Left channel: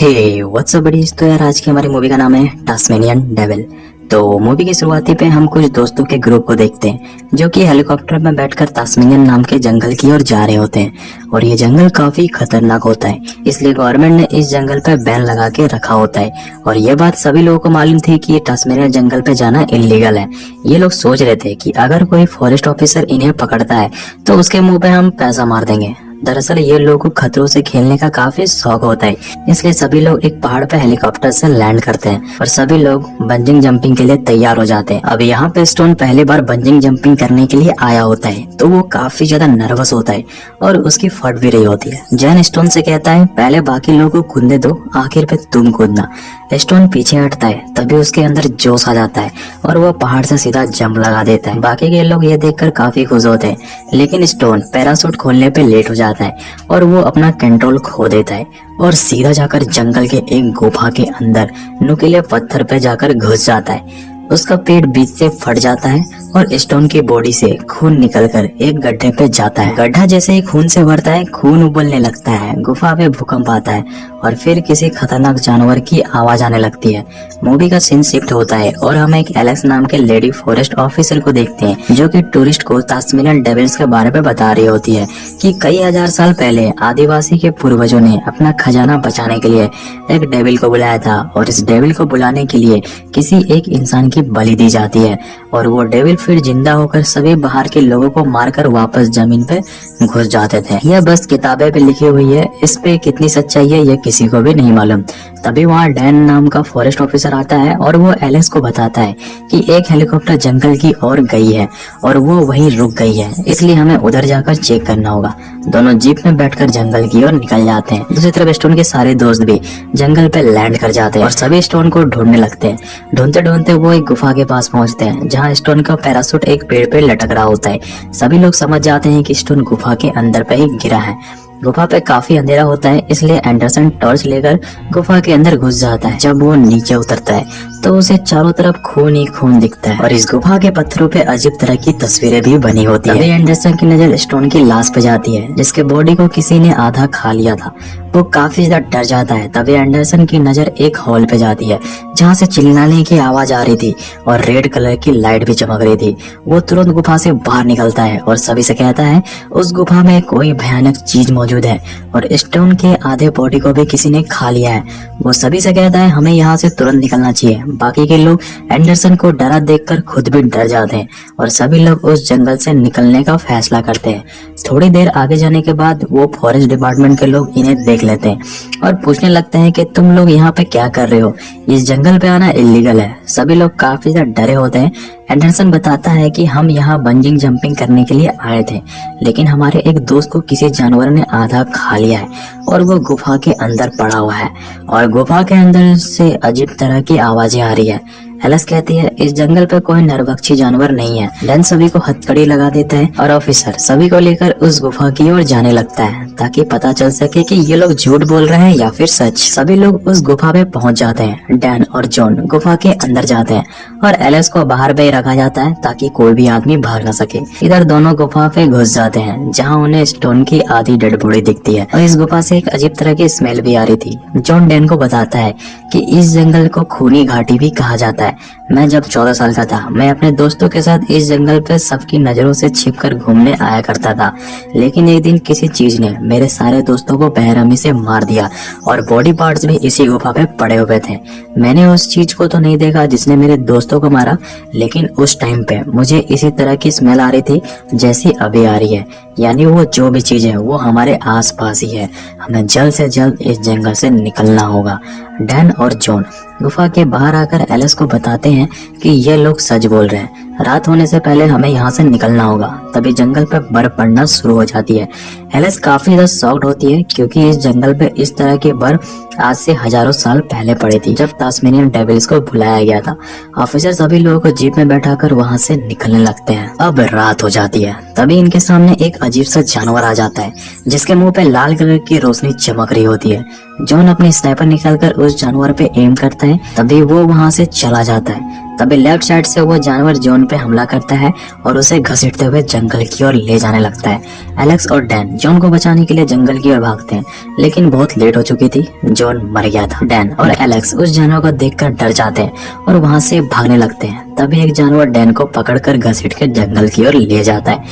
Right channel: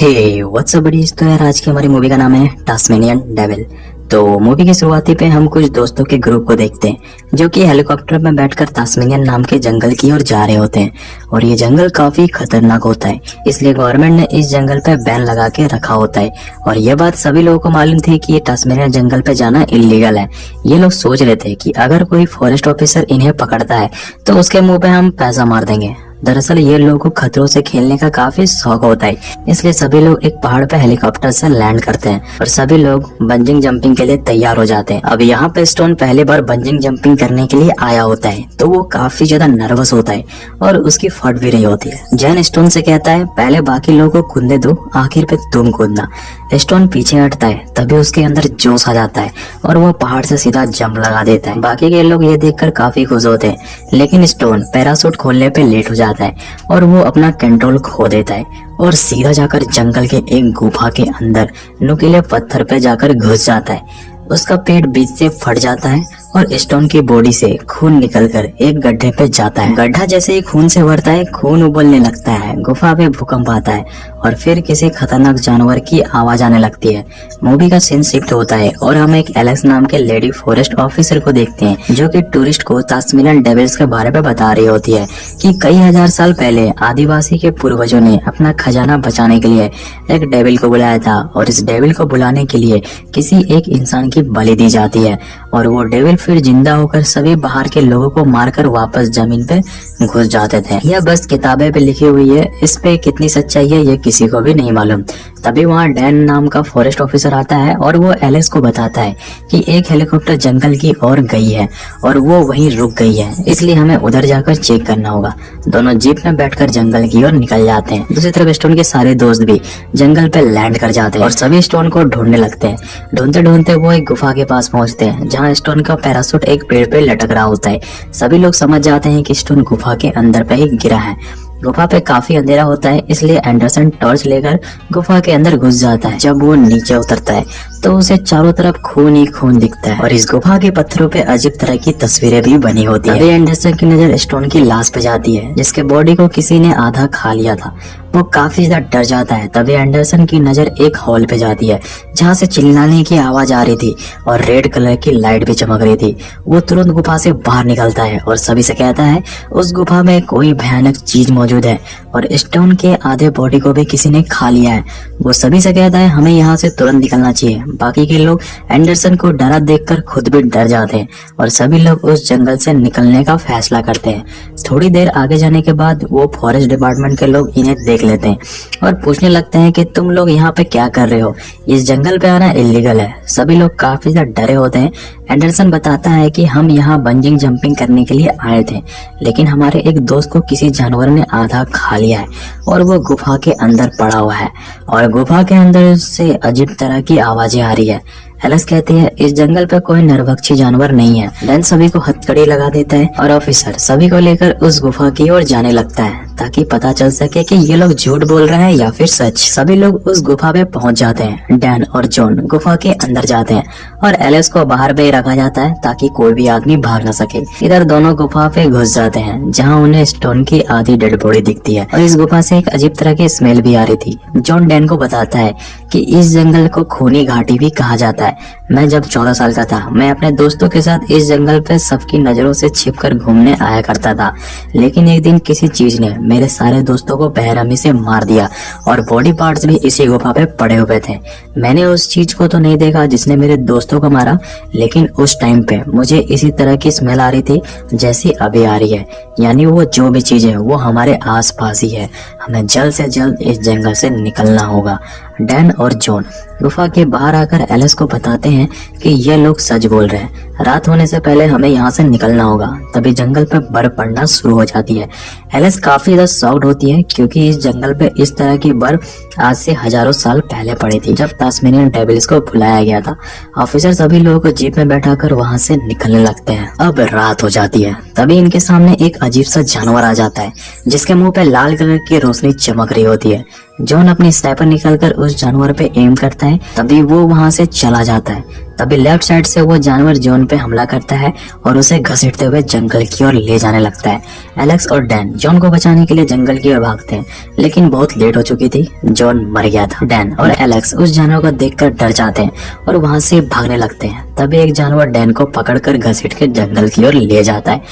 हे WhatsApp buddies. तो यार आज की हमारी मूवी का नाम है टास्मेनियन डेविल। तो मूवी की शुरुआती पे हम कुछ दोस्तों के ग्रुप को देखते हैं जो कि हेलीकॉप्टर में बैठकर टास्मेनियन नाम के जंगल की ओर जा रहे होते हैं। और ये जंगल काफी खतरनाक होता है, इसलिए गवर्नमेंट ने इस जंगल पे बैन लगा के रखा होता है। और ये बात सभी लोगों को मालूम थी कि टास्मेनियन जंगल पे जाना इलीगल है। ये लोग सोच रहे थे कि अगर कोई फॉरेस्ट ऑफिसर इन्हें पकड़ता है तो उसके मुंह पे हम पैसा मार देंगे। दरअसल ये लोगों को खतरों से खेलने का काफी शौक होता है, इसलिए सभी लोग एक पहाड़ पर हेलीकॉप्टर से लैंड करते हैं और सभी लोग बंजिंग जंपिंग के लिए तैयार हो जाते हैं। अब यहाँ पे स्टोन पहली बार बंजिंग जंपिंग करने के लिए आया होता है, तो वो काफी ज्यादा नर्वस होता है और उसकी फट भी रही होती है। जैन स्टोन से कहता है पहले बाकी लोगों को कूदने दो, आखिर पे तुम कूदना। स्टोन पीछे हटता है, तभी उसके अंदर जोश आ जाता है और वो पहाड़ से सीधा जंप लगा देता है। बाकी के लोग ये देखकर काफी खुश होते हैं, लेकिन स्टोन पैराशूट खोलने पे लेट हो जाता है और वो अपना कंट्रोल खो देता है और सीधा जाकर जंगल के एक गुफा के अंदर नुकीले पत्थर पे जाकर घुस जाता है। उसका पेट बीच से फट जाता है और स्टोन की बॉडी से खून निकलकर एक गड्ढे पे जाता है। गड्ढा जैसे ही खून से भरता है, खून उबलने लगता है, गुफा में भूकंप आता है और फिर किसी खतरनाक जानवर की आवाज आने लगती है। मूवी का सीन शिफ्ट होता है और हम एक एलेक्स नाम के लेडी फॉरेस्ट ऑफिसर को देखते हैं जो कि टूरिस्ट को टास्मेनियन डेविल्स के बारे में बता रही होती है कि कई हजार साल पहले आदिवासी के पूर्वजों ने अपना खजाना बचाने के लिए एक डेविल को बुलाया था और इस डेविल को बुलाने के लिए किसी एक इंसान की बलि दी जाती है और वो डेविल फिर जिंदा होकर सभी बाहर के लोगों को मारकर वापस जमीन पे घुस जाते थे। यह बस किताबें पे लिखी हुई है, इस पे कितनी सच्चाई है ये किसी को भी नहीं मालूम। तभी वहाँ डैन नाम का फॉरेस्ट ऑफिसर आता है और वो एलेक्स को बताता है कि एक हेलीकॉप्टर जंगल की ओर गई है और वो वहीं रुक गई है, इसलिए हमें उधर जाकर चेक करना होगा। दोनों जीप में बैठकर जंगल की ओर निकल जाते हैं। दूसरी तरफ स्टोन के सारे दोस्त भी जंगल पे लैंड कर जाते हैं और सभी स्टोन को ढूंढने लगते हैं। ढूंढते ढूंढते वो एक गुफा के पास पहुंचते हैं जहाँ स्टोन का पैराशूट एक पेड़ पे लटक रहा होता है। सभी लोग समझ जाते हैं कि स्टोन गुफा के अंदर पे ही गिरा है। गुफा पे काफी अंधेरा होता है, इसलिए एंडरसन टॉर्च लेकर गुफा के अंदर घुस जाता है। जब वो नीचे उतरता है तो उसे चारों तरफ खून ही खून दिखता है और इस गुफा के पत्थरों पे अजीब तरह की तस्वीरें भी बनी होती है। एंडरसन की नजर स्टोन की लाश पे जाती है जिसके बॉडी को किसी ने आधा खा लिया था। वो काफी ज्यादा डर जाता है। तभी एंडरसन की नजर एक हॉल पे जाती है जहाँ से चिल्लाने की आवाज आ रही थी और रेड कलर की लाइट भी चमक रही थी। वो तुरंत गुफा से बाहर निकलता है और सभी से कहता है उस गुफा में कोई भयानक चीज मौजूद है और स्टोन के आधे बॉडी को भी किसी ने खा लिया है। वो सभी से कहता है हमें यहाँ से तुरंत निकलना चाहिए। बाकी के लोग एंडरसन को डरा देखकर खुद भी डर जाते हैं और सभी लोग उस जंगल से निकलने का फैसला करते हैं। थोड़ी देर आगे जाने के बाद वो फॉरेस्ट डिपार्टमेंट के लोग इन्हें देख लेते हैं और पूछने लगते हैं कि तुम लोग यहाँ पे क्या कर रहे हो, इस जंगल पे आना इलीगल है। सभी लोग काफी ज्यादा डरे होते हैं। एंडरसन बताता है कि हम यहाँ बंजिंग जंपिंग करने के लिए आए थे, लेकिन हमारे एक दोस्त को किसी जानवर ने आधा खा लिया है और वो गुफा के अंदर पड़ा हुआ है और गुफा के अंदर से अजीब तरह की आवाजें आ रही है। एलेक्स कहती है इस जंगल पे कोई नरभक्षी जानवर नहीं है। डैन सभी को हथकड़ी लगा देता है और ऑफिसर सभी को लेकर उस गुफा की ओर जाने लगता है ताकि पता चल सके कि ये लोग झूठ बोल रहे हैं या फिर सच। सभी लोग उस गुफा पे पहुंच जाते हैं। डैन और जॉन गुफा के अंदर जाते हैं और एलेक्स को बाहर पे रखा जाता है ताकि कोई भी आदमी भाग न सके। इधर दोनों गुफा पे घुस जाते हैं जहाँ उन्हें स्टोन की आधी डेड बॉडी दिखती है और इस गुफा से एक अजीब तरह की स्मेल भी आ रही थी। जॉन डैन को बताता है कि इस जंगल को खूनी घाटी भी कहा जाता है। मैं जब 14 साल का था, मैं अपने दोस्तों के साथ इस जंगल पे सबकी नजरों से छिपकर घूमने आया करता था, लेकिन एक दिन किसी चीज ने मेरे सारे दोस्तों को बेरहमी से मार दिया और बॉडी पार्ट्स भी इसी गुफा पे पड़े हुए थे। मैंने उस चीज को तो नहीं देखा जिसने मेरे दोस्तों को मारा, लेकिन उस टाइम पे मुझे इसी तरह की स्मेल आ रही थी जैसी अभी आ रही है। यानी वो जो भी चीज है वो हमारे आस पास ही है। हमें जल्द से जल्द इस जंगल से निकलना होगा। डैन और जॉन गुफा के बाहर आकर एलेक्स को बताते हैं कि ये लोग सच बोल रहे हैं, रात होने से पहले हमें यहाँ से निकलना होगा। तभी जंगल पे बर्फ पड़ना शुरू हो जाती है। एलेक्स काफी ज्यादा शॉक्ड होती है क्योंकि इस जंगल पे इस तरह की बर्फ आज से हजारों साल पहले पड़ी थी जब टास्मेनियन डेविल्स को बुलाया गया था। ऑफिसर सभी लोगों को जीप में बैठाकर वहाँ से निकलने लगते हैं। अब रात हो जाती है। तभी इनके सामने एक अजीब सा जानवर आ जाता है जिसके मुंह पे लाल कलर की रोशनी चमक रही होती है। जॉन अपनी स्नाइपर निकालकर उस जानवर पे एम करता है। तभी वो वहाँ से चला जाता है। तभी लेफ्ट साइड से वो जानवर जॉन पे हमला करता है और उसे घसीटते हुए जंगल की ओर ले जाने लगता है। एलेक्स और डैन जॉन को बचाने के लिए जंगल की ओर भागते हैं, लेकिन बहुत लेट हो चुकी थी, जॉन मर गया था। डैन और एलेक्स उस जानवर को देखकर डर जाते हैं और वहाँ से भागने लगते हैं। तभी एक जानवर डैन को पकड़कर घसीट के जंगल की ओर ले जाता है।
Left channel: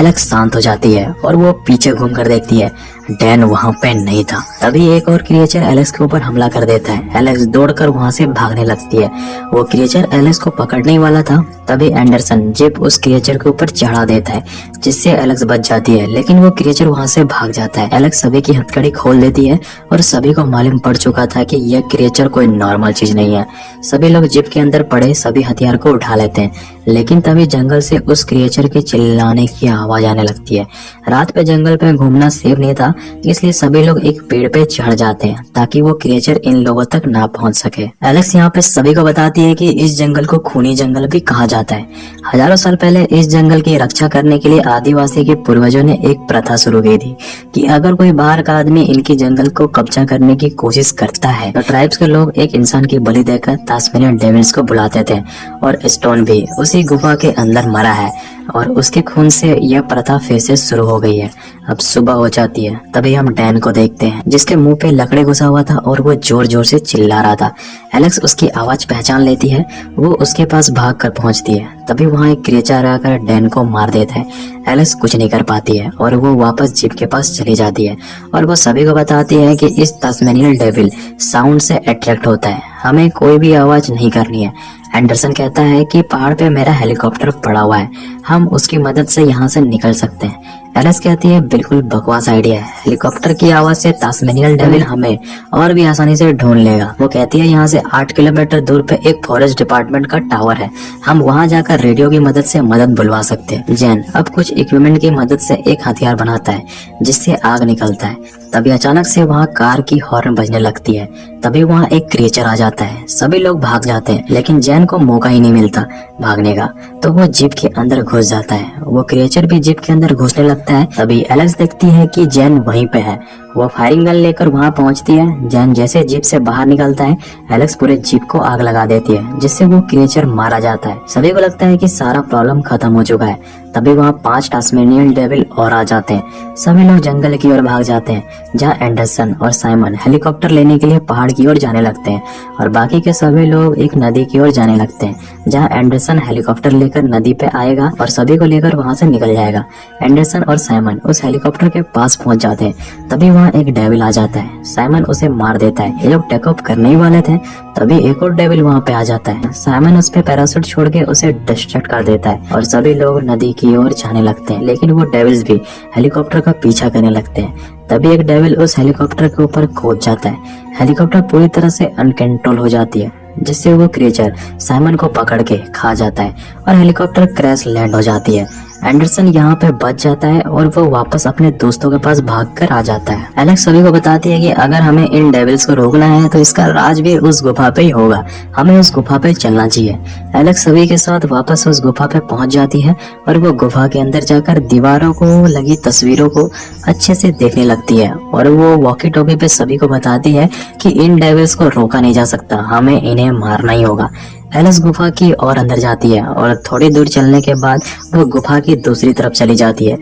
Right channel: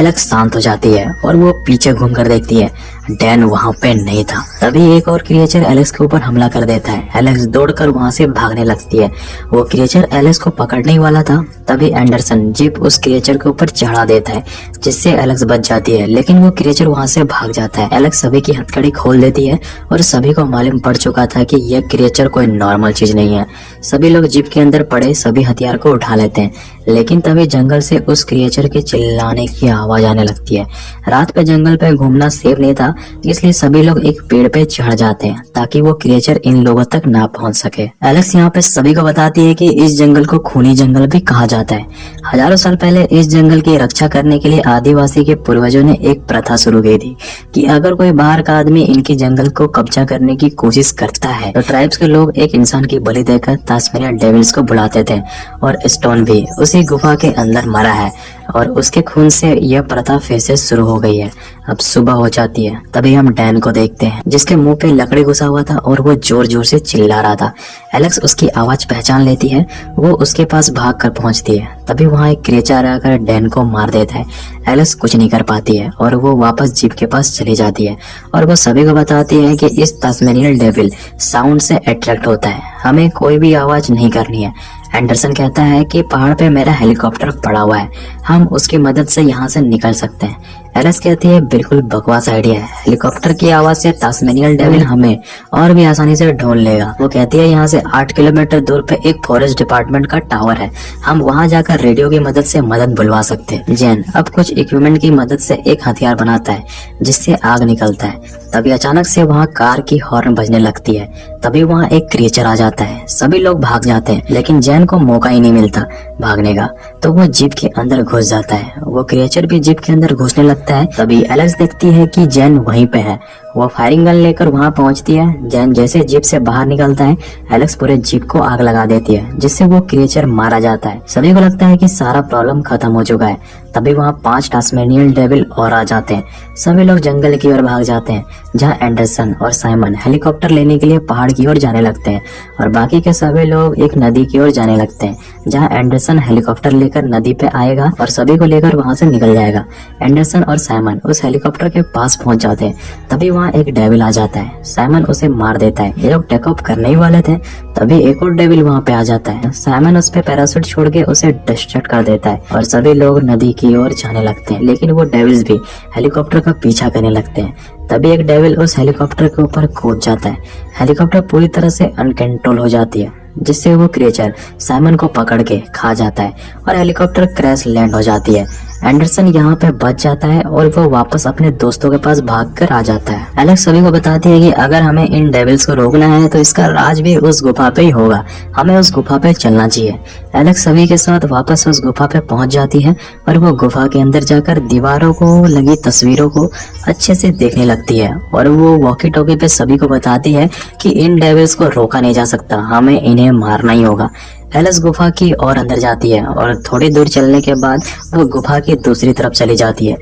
एलेक्स शांत हो जाती है और वो पीछे घूमकर देखती है, डैन वहाँ पे नहीं था। तभी एक और क्रिएचर एलेक्स के ऊपर हमला कर देता है। एलेक्स दौड़कर वहाँ से भागने लगती है। वो क्रिएचर एलेक्स को पकड़ने ही वाला था, तभी एंडरसन जीप उस क्रिएचर के ऊपर चढ़ा देता है, जिससे एलेक्स बच जाती है, लेकिन वो क्रिएचर वहाँ से भाग जाता है। एलेक्स सभी की हथकड़ी खोल देती है और सभी को मालूम पड़ चुका था कि यह क्रिएचर कोई नॉर्मल चीज नहीं है। सभी लोग जीप के अंदर पड़े सभी हथियार को उठा लेते हैं, लेकिन तभी जंगल से उस क्रिएचर के चिल्लाने की आवाज आने लगती है। रात पे जंगल पे घूमना सेफ नहीं था, इसलिए सभी लोग एक पेड़ पे चढ़ जाते हैं ताकि वो क्रिएचर इन लोगों तक ना पहुंच सके। एलेक्स यहाँ पे सभी को बताती है कि इस जंगल को खूनी जंगल भी कहा जाता है। हजारों साल पहले इस जंगल की रक्षा करने के लिए आदिवासी के पूर्वजों ने एक प्रथा शुरू की थी कि अगर कोई बाहर का आदमी इनकी जंगल को कब्जा करने की कोशिश करता है तो ट्राइब्स के लोग एक इंसान की बलि देकर तास्मेनियन डेविल्स को बुलाते थे। और स्टोन भी उसी गुफा के अंदर मरा है और उसके खून से यह प्रथा फिर से शुरू हो गई है। अब सुबह हो जाती है, तभी हम डैन को देखते हैं जिसके मुंह पे लकड़ी घुसा हुआ था और वो जोर जोर से चिल्ला रहा था। एलेक्स उसकी आवाज पहचान लेती है, वो उसके पास भाग कर पहुंचती है। तभी वहाँ एक क्रिएचर आकर डैन को मार देता है। एलेक्स कुछ नहीं कर पाती है और वो वापस जीप के पास चली जाती है और वो सभी को बताती है कि इस तास्मेनियन डेविल साउंड से अट्रैक्ट होता है, हमें कोई भी आवाज नहीं करनी है। एंडरसन कहता है कि पहाड़ पे मेरा हेलीकॉप्टर पड़ा हुआ है, हम उसकी मदद से यहाँ से निकल सकते हैं। एलेक्स कहती है बिल्कुल बकवास आइडिया है, हेलीकॉप्टर की आवाज से तास्मेनियन डेविल हमें और भी आसानी से ढूंढ लेगा। वो कहती है यहाँ से 8 किलोमीटर दूर पे एक फॉरेस्ट डिपार्टमेंट का टावर है, हम वहाँ जाकर रेडियो की मदद से मदद बुलवा सकते हैं। जैन अब कुछ इक्विपमेंट की मदद से एक हथियार बनाता है जिससे आग निकलता है। तभी अचानक से वहाँ कार की हॉर्न बजने लगती है। तभी वहाँ एक क्रिएचर आ जाता है, सभी लोग भाग जाते हैं, लेकिन जैन को मौका ही नहीं मिलता भागने का, तो वो जीप के अंदर घुस जाता है। वो क्रिएचर भी जीप के अंदर घुसने लगता है। तभी एलेक्स देखती है कि जैन वहीं पे है, वो फायरिंग गन लेकर वहाँ पहुँचती है। जैन जैसे जीप से बाहर निकलता है, एलेक्स पूरे जीप को आग लगा देती है, जिससे वो क्रिएचर मारा जाता है। सभी को लगता है कि सारा प्रॉब्लम खत्म हो चुका है। तभी वहाँ 5 टास्मेनियन डेविल और आ जाते हैं। सभी लोग जंगल की ओर भाग जाते हैं, जहाँ एंडरसन और साइमन हेलीकॉप्टर लेने के लिए पहाड़ की ओर जाने लगते हैं और बाकी के सभी लोग एक नदी की ओर जाने लगते हैं, जहाँ एंडरसन हेलीकॉप्टर लेकर नदी पे आएगा और सभी को लेकर वहाँ से निकल जाएगा। एंडरसन और साइमन उस हेलीकॉप्टर के पास पहुँच जाते हैं। तभी वहाँ एक डेविल आ जाता है, साइमन उसे मार देता है। ये लोग टेकअप करने ही वाले थे, तभी एक और डेविल वहाँ पे आ जाता है। साइमन उस पे पैराशूट छोड़ के उसे डिस्ट्रैक्ट कर देता है और सभी लोग नदी की ओर जाने लगते हैं, लेकिन वो डेविल्स भी हेलीकॉप्टर का पीछा करने लगते हैं। तभी एक डेविल उस हेलीकॉप्टर के ऊपर कूद जाता है। हेलीकॉप्टर पूरी तरह से अनकंट्रोल हो जाती है, जिससे वो क्रिएचर साइमन को पकड़ के खा जाता है और हेलीकॉप्टर क्रैश लैंड हो जाती है। एंडरसन यहाँ पे बच जाता है और वो वापस अपने दोस्तों के पास भागकर आ जाता है। एलेक्स सभी को बताती है कि अगर हमें इन डेविल्स को रोकना है तो इसका राज भी उस गुफा पे ही होगा, हमें उस गुफा पे चलना चाहिए। एलेक्स सभी के साथ वापस उस गुफा पे पहुंच जाती है और वो गुफा के अंदर जाकर दीवारों को लगी तस्वीरों को अच्छे से देखने लगती है और वो वॉकी टॉकी पे सभी को बताती है कि इन डेविल्स को रोका नहीं जा सकता, हमें इन्हें मारना ही होगा। एलिस गुफा की और अंदर जाती है और थोड़ी दूर चलने के बाद वो गुफा की दूसरी तरफ चली जाती है।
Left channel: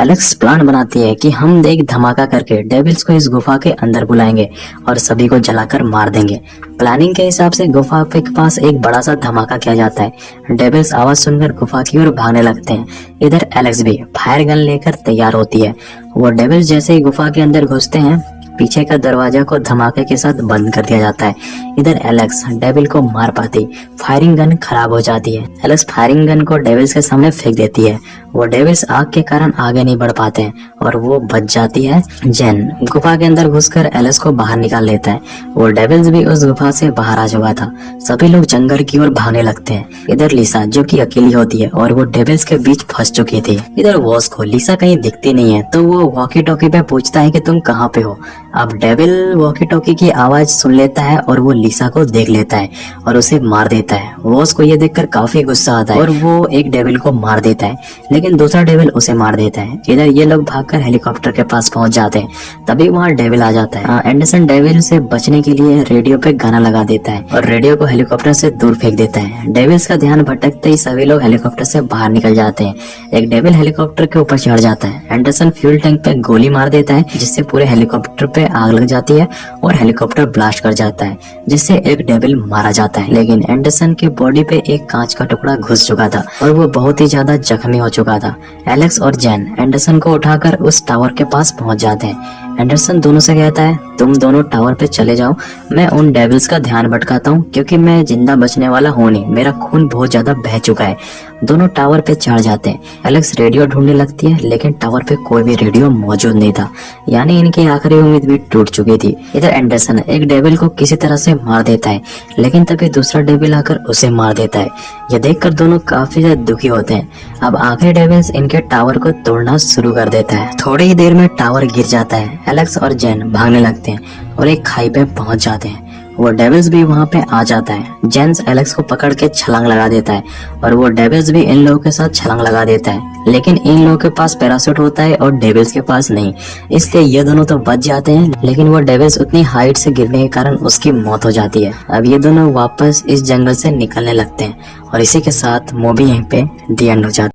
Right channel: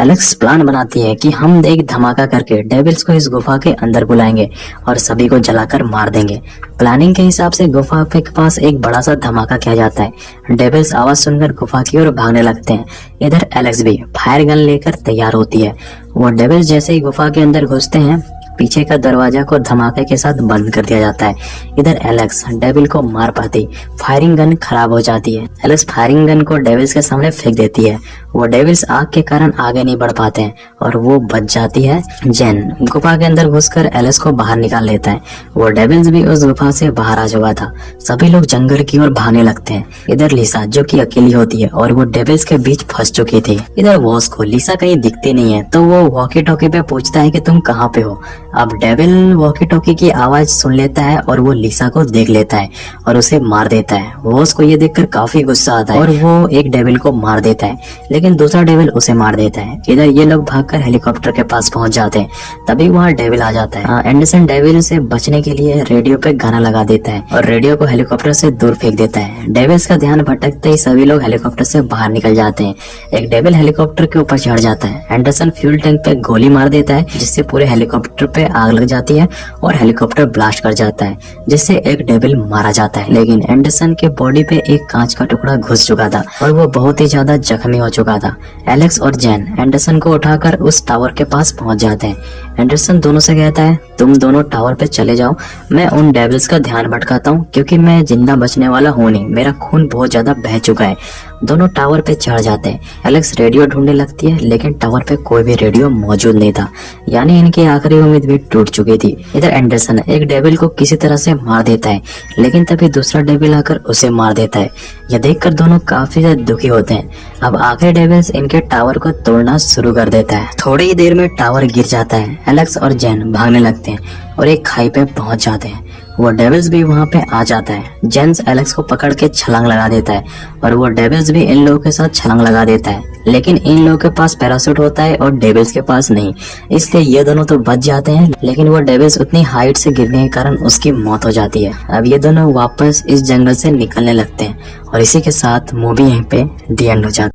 एलेक्स प्लान बनाती है कि हम एक धमाका करके डेविल्स को इस गुफा के अंदर बुलाएंगे और सभी को जलाकर मार देंगे। प्लानिंग के हिसाब से गुफा के पास एक बड़ा सा धमाका किया जाता है। डेविल्स आवाज सुनकर गुफा की ओर भागने लगते हैं। इधर एलेक्स भी फायर गन लेकर तैयार होती है। वो डेविल्स जैसे ही गुफा के अंदर घुसते हैं, पीछे का दरवाजा को धमाके के साथ बंद कर दिया जाता है। इधर एलेक्स डेविल को मार पाती, फायरिंग गन खराब हो जाती है। एलेक्स फायरिंग गन को डेविल्स के सामने फेंक देती है। वो डेविल्स आग के कारण आगे नहीं बढ़ पाते हैं और वो बच जाती है। जेन गुफा के अंदर घुसकर एलेक्स को बाहर निकाल लेता है। वो डेविल्स भी उस गुफा से बाहर आ चुका था। सभी लोग जंगल की ओर भागने लगते हैं। इधर लिसा जो कि अकेली होती है और वो डेविल्स के बीच फंस चुकी थी। इधर वॉस को लिसा कहीं दिखती नहीं है, तो वो वॉकी टॉकी पे पूछता है कि तुम कहाँ पे हो। अब डेविल वॉकी टॉकी की आवाज सुन लेता है और वो लिसा को देख लेता है और उसे मार देता है। वॉस को ये देखकर काफी गुस्सा आता है और वो एक डेविल को मार देता है, लेकिन दूसरा डेविल उसे मार देता है। इधर ये लोग भागकर हेलीकॉप्टर के पास पहुंच जाते हैं, तभी वहाँ डेविल आ जाता है। एंडरसन डेविल से बचने के लिए रेडियो पे गाना लगा देता है और रेडियो को हेलीकॉप्टर से दूर फेंक देता है। डेविल्स का ध्यान भटकते ही सभी लोग हेलीकॉप्टर से बाहर निकल जाते हैं। एक डेविल हेलीकॉप्टर के ऊपर चढ़ जाता है। एंडरसन फ्यूल टैंक पे गोली मार देता है, जिससे पूरे हेलीकॉप्टर पे आग लग जाती है और हेलीकॉप्टर ब्लास्ट कर जाता है, जिससे एक डेविल मारा जाता है। लेकिन एंडरसन के बॉडी पे एक कांच का टुकड़ा घुस चुका था और वो बहुत ही ज्यादा जख्मी हो चुका था। एलेक्स और जेन एंडरसन को उठाकर उस टावर के पास पहुंच जाते हैं। एंडरसन दोनों से कहता है, तुम दोनों टावर पे चले जाओ, मैं उन डेविल्स का ध्यान भटकाता हूँ, क्योंकि मैं जिंदा बचने वाला हूँ नहीं, मेरा खून बहुत ज्यादा बह चुका है। दोनों टावर पे चढ़ जाते हैं। एलेक्स रेडियो ढूंढने लगती है, लेकिन टावर पे कोई भी रेडियो मौजूद नहीं था, यानी इनकी आखिरी उम्मीद भी टूट चुकी थी। इधर एंडरसन एक डेविल को किसी तरह से मार देता है, लेकिन तभी दूसरा डेविल आकर उसे मार देता है। यह देखकर दोनों काफी ज्यादा दुखी होते हैं। अब आखिरी डेविल्स इनके टावर को तोड़ना शुरू कर देता है। थोड़ी ही देर में टावर गिर जाता है। एलेक्स और जेन भागने लगते हैं और एक खाई पे पहुंच जाते हैं। वो डेविल्स भी वहाँ पे आ जाता है। जेन्स एलेक्स को पकड़ के छलांग लगा देता है और वो डेविल्स भी इन लोगों के साथ छलांग लगा देता है, लेकिन इन लोगों के पास पैराशूट होता है और डेविल्स के पास नहीं, इसलिए ये दोनों तो बच जाते हैं, लेकिन वो डेविल्स उतनी हाइट से गिरने के कारण उसकी मौत हो जाती है। अब ये दोनों वापस इस जंगल से निकलने लगते हैं और इसी के साथ मूवी यहीं पे दी एंड हो जाती है।